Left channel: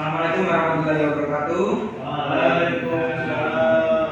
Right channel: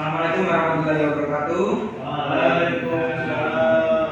Assalamualaikum warahmatullahi wabarakatuh. Waalaikumsalam.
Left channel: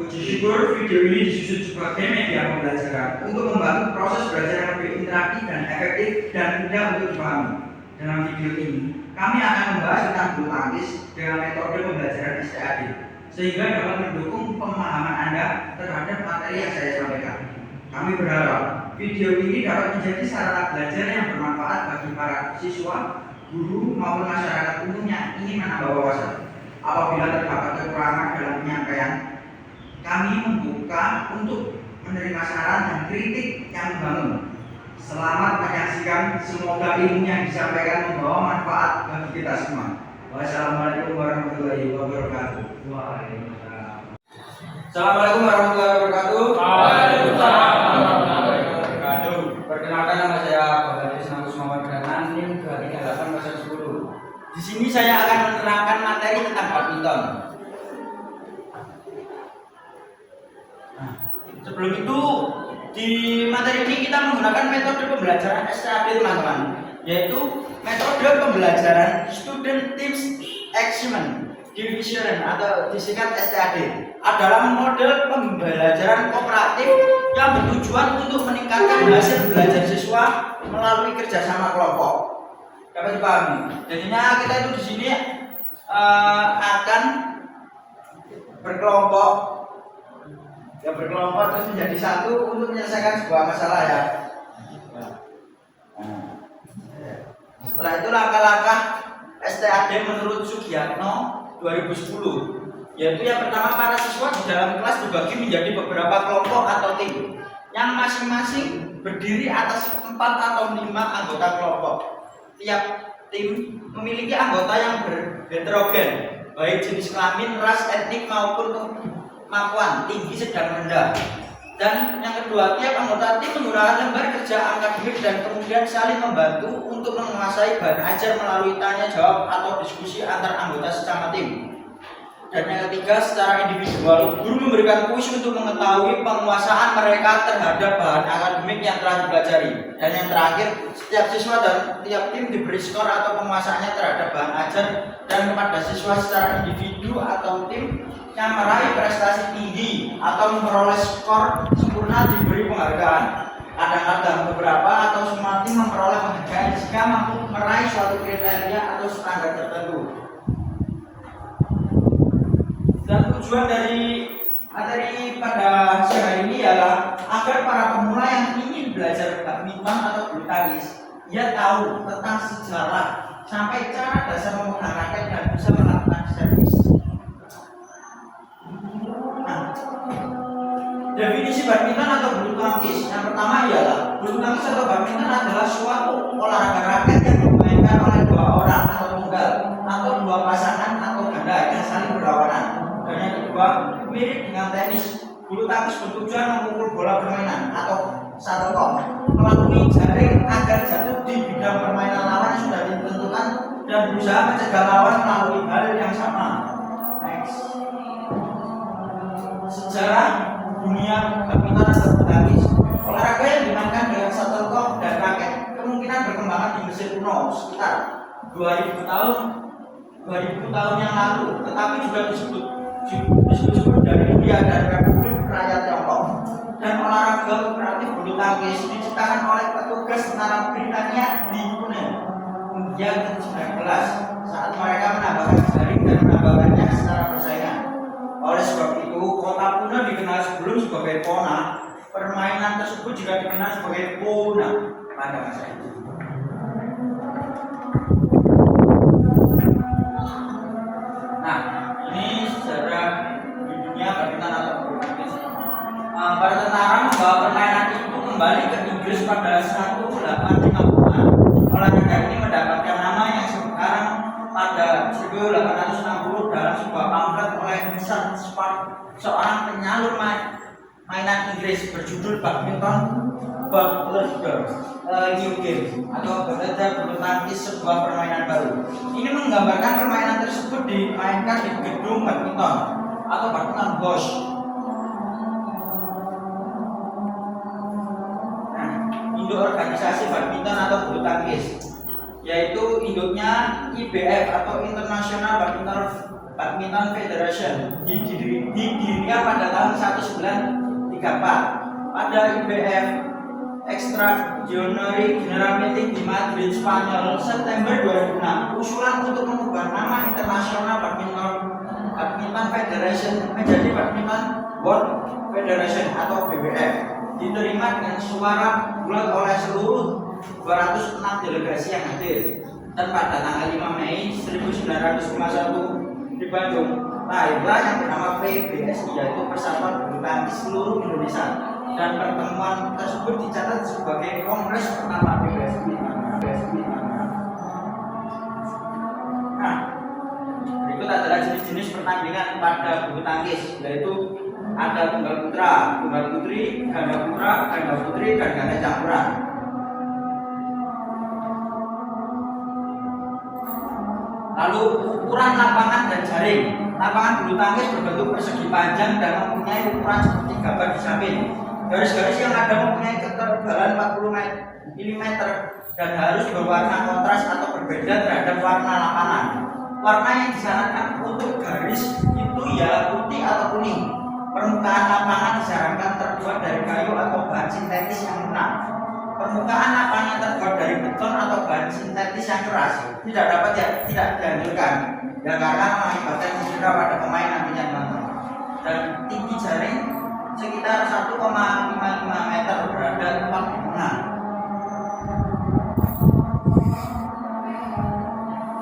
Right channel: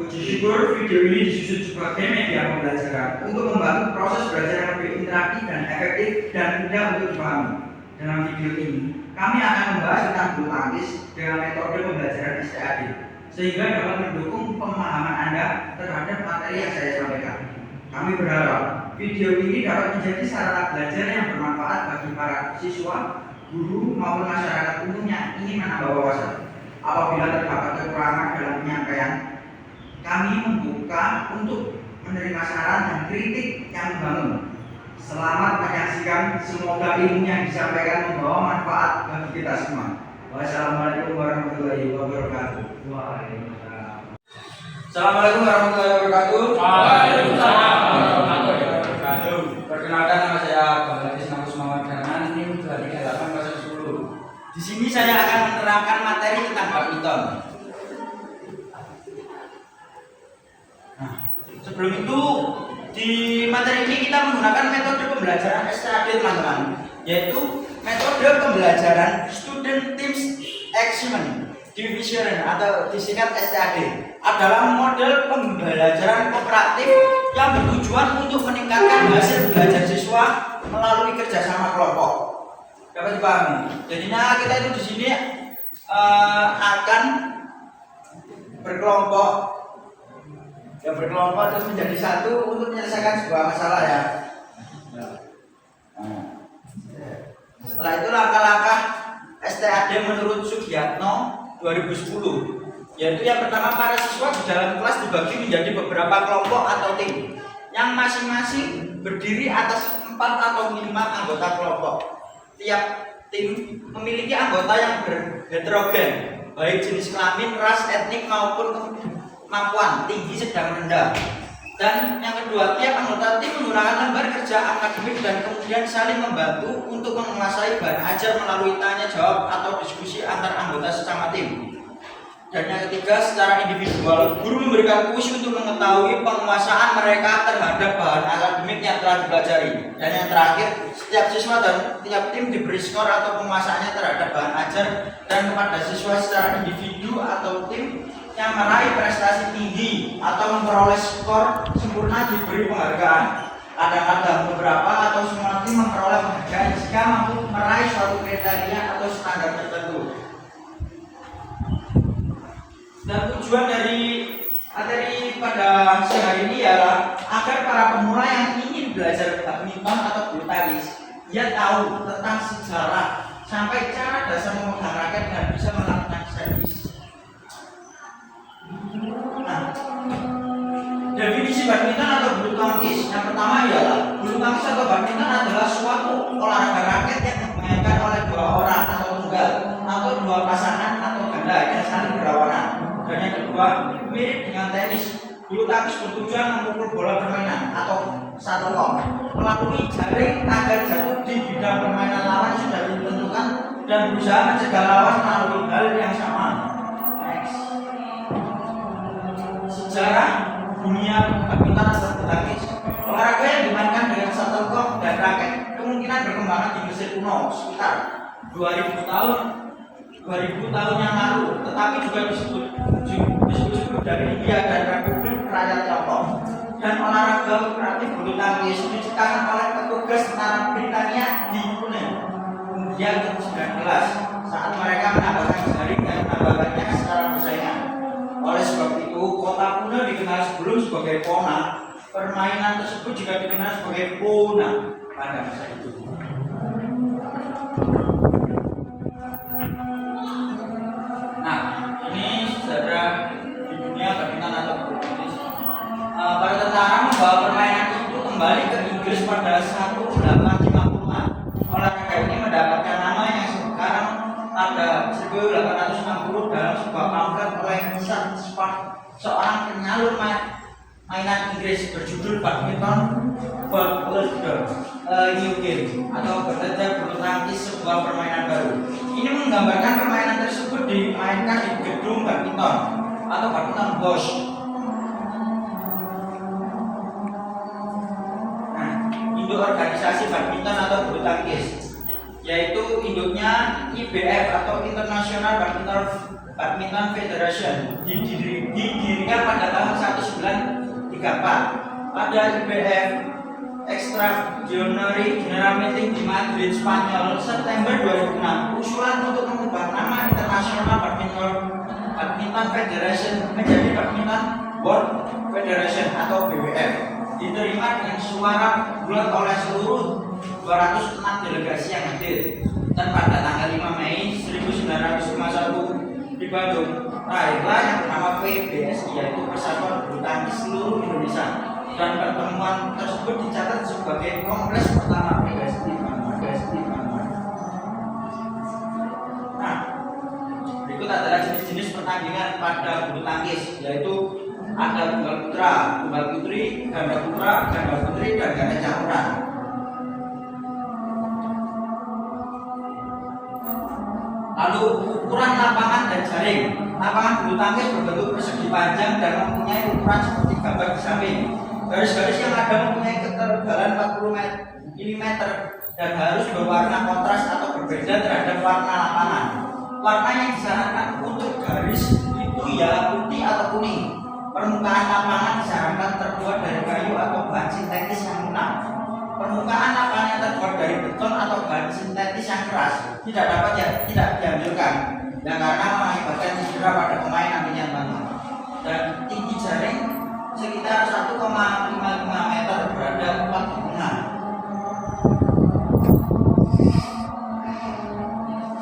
Puji syukur video ini disusun sebagai media pembelajaran untuk membantu proses belajar yang lebih interaktif dan efektif dan mudah untuk dipahami. Dalam video ini, kami akan membahas tentang bulu tangkis dengan metode pembelajaran STAD, sehingga dapat mendukung pemahaman Anda terhadap materi yang saya sampaikan. Kami berharap video ini dapat menjadi sarana belajar yang bermanfaat bagi para siswa, guru maupun masyarakat umum yang ingin menambah wawasan. Apabila terdapat kekurangan dalam penyampaian, kami membuka untuk menerima saran dan kritik yang membangun. Selamat menyaksikan, semoga ilmu yang disampaikan membawa manfaat bagi kita semua. Wassalamualaikum warahmatullahi wabarakatuh. Assalamualaikum warahmatullahi wabarakatuh. Waalaikumsalam warahmatullahi wabarakatuh. Perkenalkan, nama saya Bapak Agus Muhammad Danan, NIM 23810. Di sini saya akan menerangkan materi tentang badminton. Nah, sebelum itu di materi ini kita menggunakan metode pembelajaran STAD, teman-teman, yaitu metode pembelajaran Student Teams Achievement Division atau disingkat STAD, adalah model pembelajaran kooperatif yang bertujuan untuk meningkatkan hasil belajar siswa melalui kerjasama kelompok. Dapat dipahami. Jadinya kita itu di sini akan berkelompok, terus menjadi satu untuk menyelesaikan sebuah masalah ya. Setelah itu langkah-langkah STAD menurut Sugiyatno 2010, yaitu yang pertama, para siswa di dalam kelas dibagi menjadi beberapa kelompok atau tim yang masing-masing berdiri atas 4 atau 5 anggota kelompok. Tiap tim memiliki anggota yang berheterogen, baik jenis kelamin, ras, etnik maupun kemampuan tinggi, sedang, rendah. Dan yang kedua, tiap anggota tim menggunakan lembar kerja akademik dan kemudian saling membantu untuk menguasai bahan ajar melalui tanya jawab atau diskusi antar anggota sesama tim. Dan yang ketiga, secara individual, guru memberikan kuis untuk mengetahui penguasaan mereka terhadap bahan akademik yang telah dipelajari. Dan yang terakhir, setiap siswa dan tiap tim diberi skor atau penguasaannya terhadap bahan ajar, dan kepada siswa secara individu atau tim yang meraih prestasi tinggi atau memperoleh skor sempurna diberi penghargaan. Kadang-kadang beberapa atau semua tim memperoleh penghargaan jika mampu meraih suatu kriteria atau standar tertentu. Dan tujuan dari materi pada siang hari ini ialah agar para pemula yang ingin belajar badminton atau bulu tangkis, ia tahu tentang sejarah sampai cara dasar memegang raket dan bisa melakukan servis. Nah, definisi badminton atau bulu tangkis yang pertama ialah bulu tangkis atau badminton adalah suatu olahraga raket yang dimainkan oleh 2 orang atau tunggal atau 2 pasangan atau ganda yang saling berlawanan. Dan yang kedua, mirip dengan tenis, bulu tangkis bertujuan memukul bola permainan atau shuttlecock melalui jaring agar jatuh di bidang permainan lawan yang sudah ditentukan dan berusaha mencegah lawan melalui hal yang sama. Next. Sejarah dunia badminton atau bulu tangkis. Olahraga yang dimainkan dengan shuttlecock dan raket kemungkinan berkembang di Mesir kuno sekitar 2000 tahun yang lalu, tetapi juga disebut dari India dan Republik Rakyat Tiongkok. Dan olahraga kooperatif bulu tangkis diciptakan oleh petugas tentara Britania di India ke-19 saat mereka menambahkan jaring dan menambahkannya secara bersaingan. Oleh sebab itu, kota Pune dikenal sebelum sebagai Pona. Permainan tersebut juga dikenal sebagai Pona pada masa itu. Nah, ini sejarah di dunia badminton atau bulu tangkis. Para tentara membawa permainan itu kembali ke Inggris pada 1850-an. Olahraga ini mendapatkan nama yang sekarang pada 1860 dalam sebuah pamflet oleh Sir Spark, seorang penyalur mainan Inggris berjudul Badminton Ballad New Game atau belajar bulu tangkis, sebuah permainan baru. Ini menggambarkan permainan tersebut dimainkan di gedung badminton atau badminton house. Nah, induk organisasi badminton atau bulu tangkis. yaitu induknya IBF atau International Badminton Federation, didirikan pada tahun 1934. Pada IBF Extraordinary General Meeting di Madrid, Spanyol, September 2006, usulan untuk mengubah nama International Badminton Federation menjadi Badminton World Federation atau BWF diterima dengan suara bulat oleh seluruh 206 delegasi yang hadir. Dan pada tanggal 5 Mei 1951 di Bandung lahirlah yang bernama PBSI, yaitu Persatuan Bulu Tangkis Seluruh Indonesia. Dan pertemuan tersebut dicatat sebagai kongres pertama PBSI. Nah, berikut adalah jenis-jenis pertandingan pada bulu tangkis, yaitu ada tunggal putra, tunggal putri, ganda putra, ganda putri, dan ganda campuran. Lalu ukuran lapangan dan jaring. Lapangan bulu tangkis berbentuk persegi panjang dan mempunyai ukuran seperti gambar di samping. Garis-garis yang ada mempunyai ketebalan 40 mm dan harus berwarna kontras atau berbeda terhadap warna lapangan. Warna yang disarankan untuk garis itu ya putih atau kuning. Permukaan lapangan disarankan terbuat dari kayu atau bahan sintetis yang lunak. Permukaan lapangan terbuat dari beton atau bahan sintetis yang keras tidak dianjurkan, yang karena mengakibatkan cedera pada pemain nantinya, teman-teman. Dan tinggi jaring sekitar 1,55 meter berada tepat di tengah.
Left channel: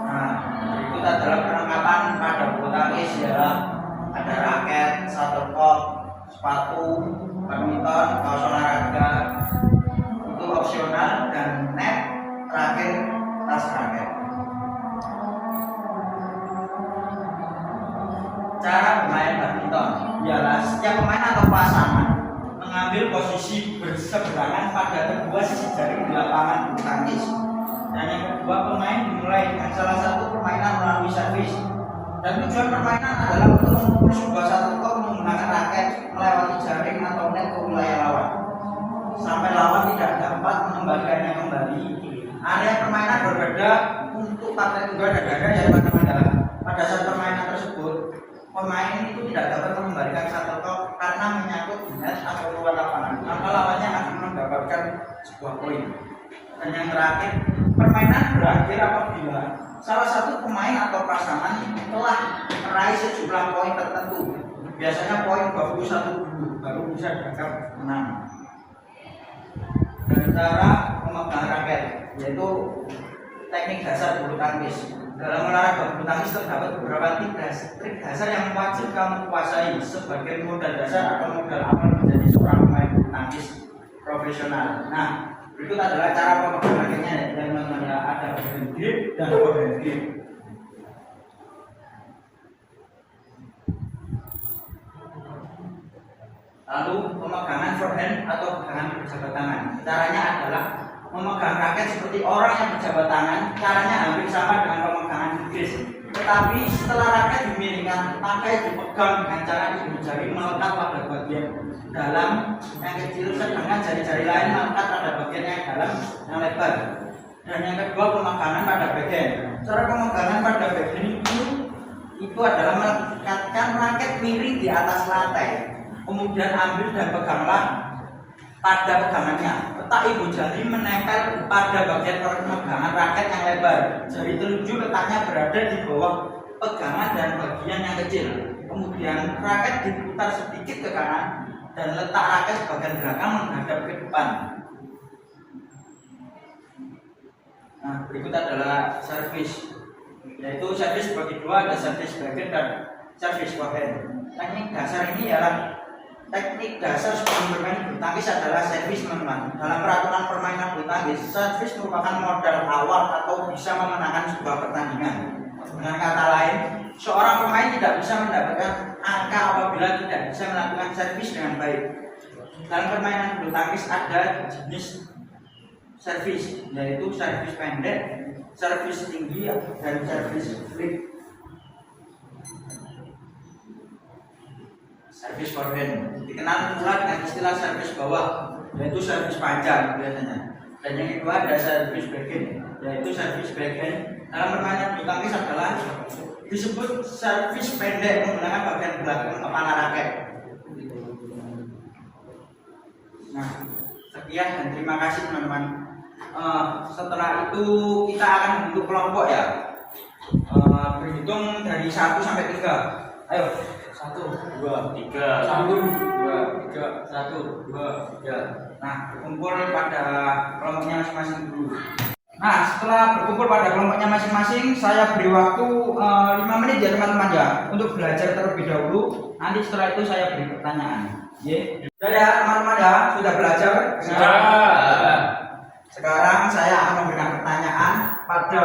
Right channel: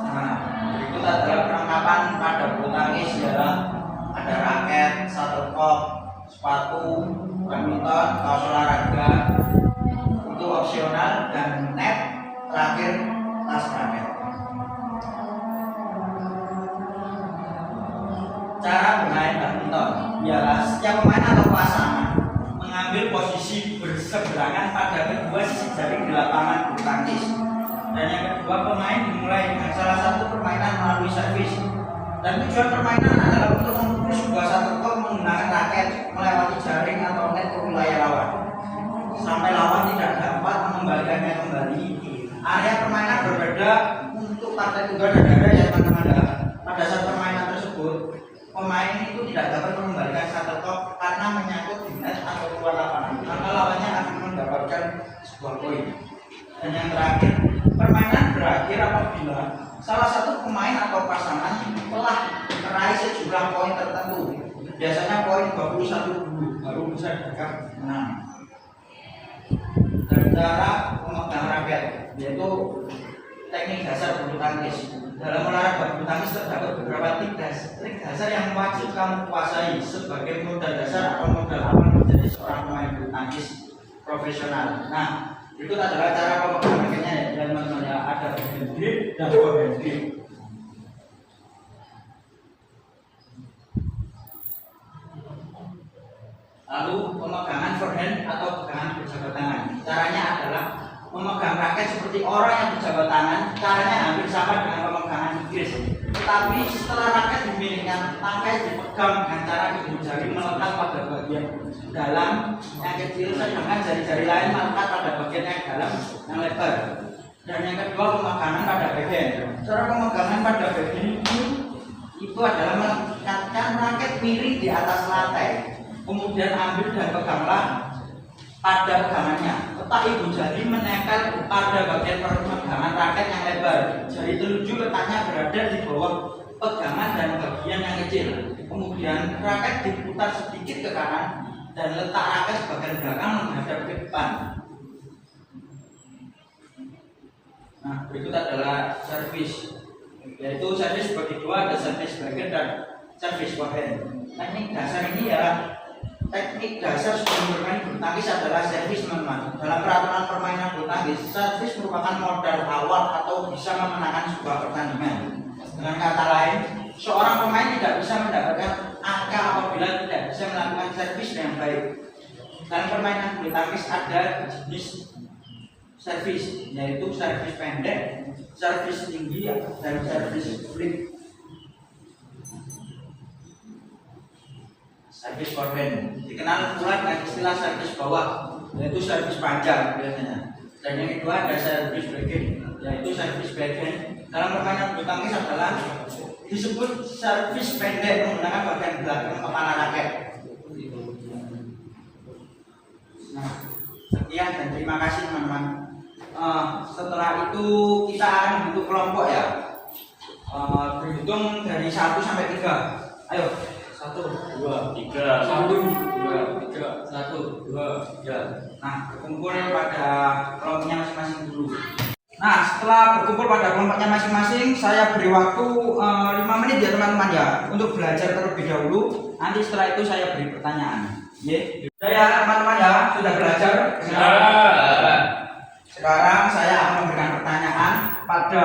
Nah, berikut adalah perlengkapan pada bulu tangkis, ialah ada raket, shuttlecock, sepatu, badminton, kaos olahraga itu opsional, dan net terakhir tas raket. Cara bermain badminton ialah setiap pemain atau pasangan mengambil posisi berseberangan pada kedua sisi jaring di lapangan bulu tangkis. Dan yang kedua, pemain dimulai dengan salah satu permainan melalui servis. Dan tujuan permainan adalah untuk memukul sebuah shuttlecock menggunakan raket melewati jaring atau net ke wilayah lawan sampai lawan tidak dapat mengembalikannya kembali. Area permainan berbeda untuk partai tunggal dan ganda, ya teman-teman. Pada saat permainan tersebut, pemain itu tidak dapat mengembalikan shuttlecock karena menyangkut di net atau luar lapangan, maka lawannya akan mendapatkan sebuah poin. Dan yang terakhir, permainan berakhir apabila salah satu pemain atau pasangan telah meraih sejumlah poin tertentu, biasanya poin 21 dulu baru bisa dianggap menang. Dan cara pemegang raket, yaitu teknik dasar bulu tangkis. Dalam olahraga bulu tangkis terdapat beberapa trik dasar yang wajib kamu kuasai sebagai modal dasar atau modal awal menjadi seorang pemain bulu tangkis profesional. Nah, berikut adalah cara pemegang raketnya, yang namanya ada hand grip dan forehand grip. Lalu pemegangan forehand atau pegangan berjabat tangan. Caranya adalah memegang raket seperti orang yang berjabat tangan. Caranya hampir sama dengan pemegangan Inggris. Tetapi setelah raket dimiringkan, tangkai dipegang dengan cara ibu jari melekat pada bagian dalam yang kecil, sedangkan jari-jari lain melekat pada bagian yang dalam yang lebar. Dan yang kedua, pemegangan pada backhand. Cara pemegangan pada backhand itu adalah melekatkan raket miring di atas lantai. Kemudian ambil dan peganglah pada pegangannya. Letak ibu jari menempel pada bagian pemegangan raket yang lebar. Jari telunjuk letaknya berada di bawah pegangan dan bagian yang kecil. Kemudian raket diputar sedikit ke kanan dan letak raket bagian belakang menghadap ke depan. Nah, berikut adalah servis, yaitu servis bagi dua, ada servis backhand dan servis forehand. Teknik dasar ini ialah teknik dasar sebelum bermain bulu tangkis adalah servis, teman-teman. Dalam peraturan permainan bulu tangkis, servis merupakan modal awal atau bisa memenangkan sebuah pertandingan. Dengan kata lain, seorang pemain tidak bisa mendapatkan angka apabila tidak bisa melakukan servis dengan baik. Dalam permainan bulu tangkis ada jenis servis, yaitu servis pendek, servis tinggi, dan servis flip. Servis forehand dikenal pula dengan istilah servis bawah, yaitu servis panjang biasanya. Dan yang kedua ada servis backhand. yaitu servis backhand. Dalam permainan bulu tangkis adalah disebut servis pendek menggunakan bagian belakang panah raket. Nah, sekian dan terima kasih teman-teman. Setelah itu kita akan membentuk kelompok ya. Berhitung dari 1 sampai 3. Ayo. 1, 2, 3, 1, 2, 3, 1, 2, 3. Nah, berkumpul pada kelompoknya masing-masing dulu. Nah, setelah berkumpul pada kelompoknya masing-masing, saya beri waktu 5 menit ya teman-teman ya, untuk belajar terlebih dahulu. Nanti setelah itu saya beri pertanyaan. Sudah ya teman-teman ya, sudah belajar? Sekarang saya akan memberikan pertanyaan pada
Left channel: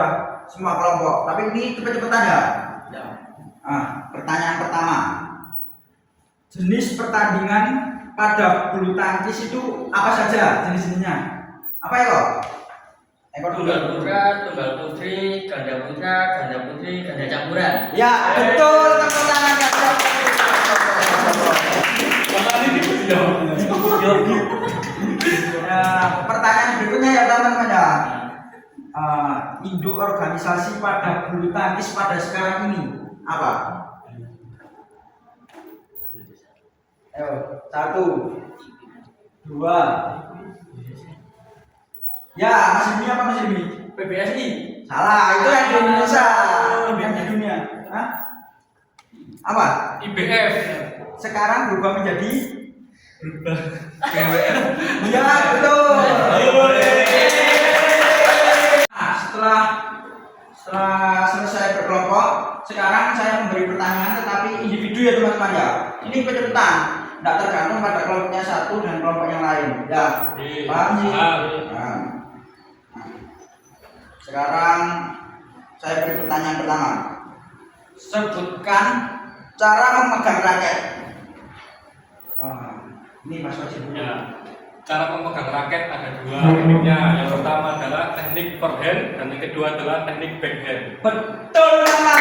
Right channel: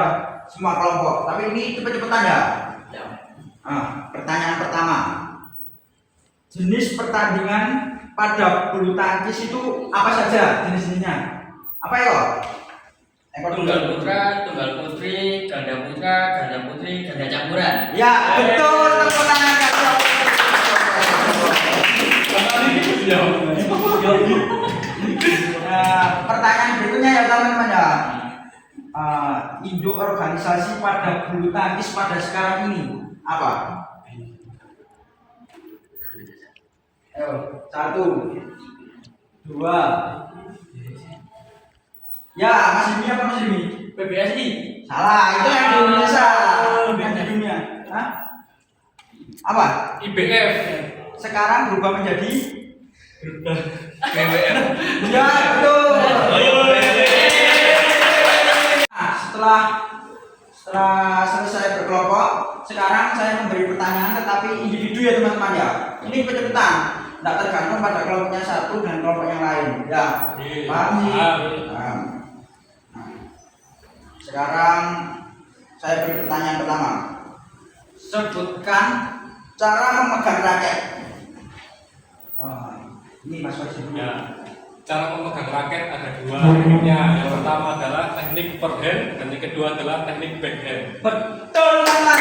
semua kelompok. Tapi ini cepet-cepetan ya. Pertanyaan pertama. Jenis pertandingan pada bulu tangkis itu apa saja jenis-jenisnya? Apa ya? Tunggal putra, tunggal putri, ganda putra, ganda putri, ganda campuran. Ya, betul. Tepuk tangan. Pertanyaan berikutnya ya teman-teman ya. Induk organisasi pada bulu tangkis pada sekarang ini apa? Ayo, 1, 2. Ya, Mas Dimi apa Mas Dimi? PBSI. Salah, itu yang di Indonesia, bukan di dunia. Hah? Apa? IBF. Sekarang berubah menjadi GWF. ya, betul. Nah, setelah selesai berkelompok, sekarang saya memberi pertanyaan tetapi individu ya teman-teman ya. Ini kecepatan, tidak tergantung pada kelompoknya satu dan kelompok yang lain. Ya, paham sih? Paham. Sekarang saya beri pertanyaan pertama. Sebutkan cara memegang raket. Ini Mas Wajib dulu. Ya. Cara memegang raket ada 2 tekniknya. Yang pertama adalah teknik forehand dan yang kedua adalah teknik backhand. Betul teman-teman.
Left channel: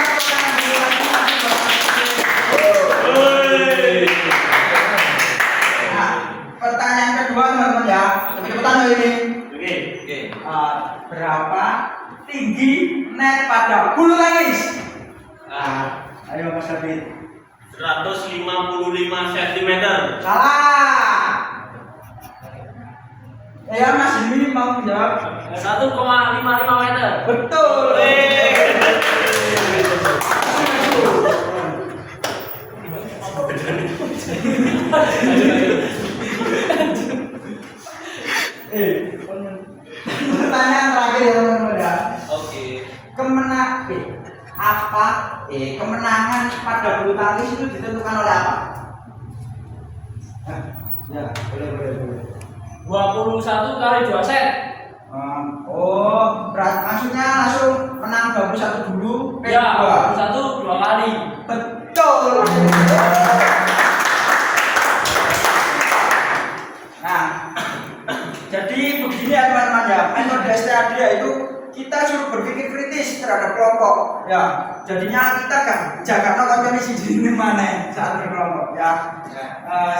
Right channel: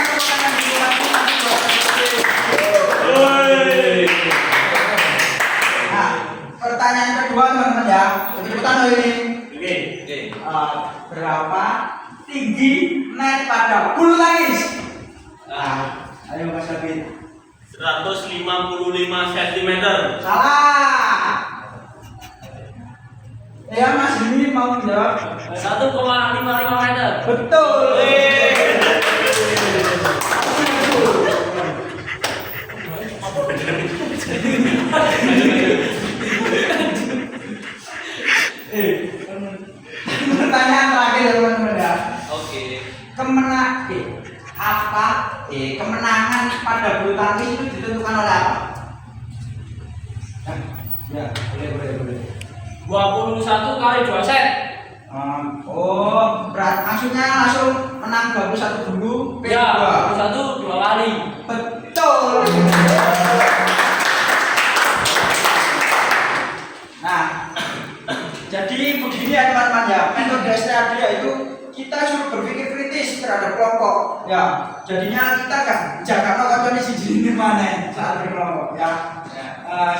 Nah, pertanyaan kedua teman-teman ya. Cepet-cepetan loh ini. Oke. Berapa tinggi net pada bulu tangkis? Ayo Mas David. 155 cm. Salah. Ya Mas Dimi mau jawab. 1,55 meter. Betul. Pertanyaan terakhir ya teman-teman ya. Oke. Kemenangan pada bulu tangkis itu ditentukan oleh apa? Ya, boleh. 21 kali 2 set. Maksudnya langsung menang 21 dulu, Ya, P2. 21 2 kali. Betul. Nah, jadi begini ya teman-teman ya, metode STAD itu kita suruh berpikir kritis terhadap kelompok ya. Jadinya kita gak jaga nonton di sini mana saat berkelompok ya.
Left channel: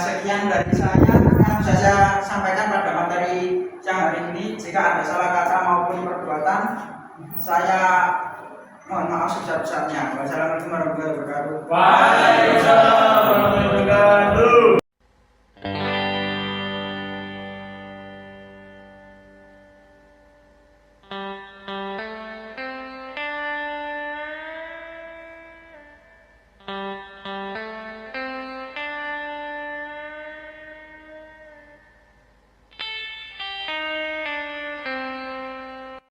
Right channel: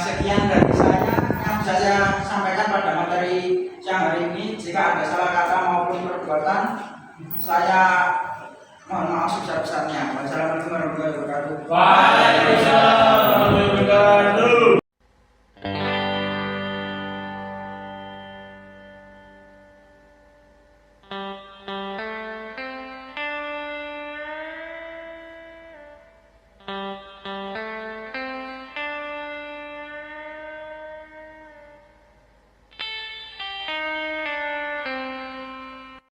Sekian dari saya yang bisa saya sampaikan pada materi siang hari ini. Jika ada salah kata maupun perbuatan, saya mohon maaf sebesar-besarnya. Wassalamualaikum warahmatullahi wabarakatuh. Waalaikumsalam warahmatullahi wabarakatuh.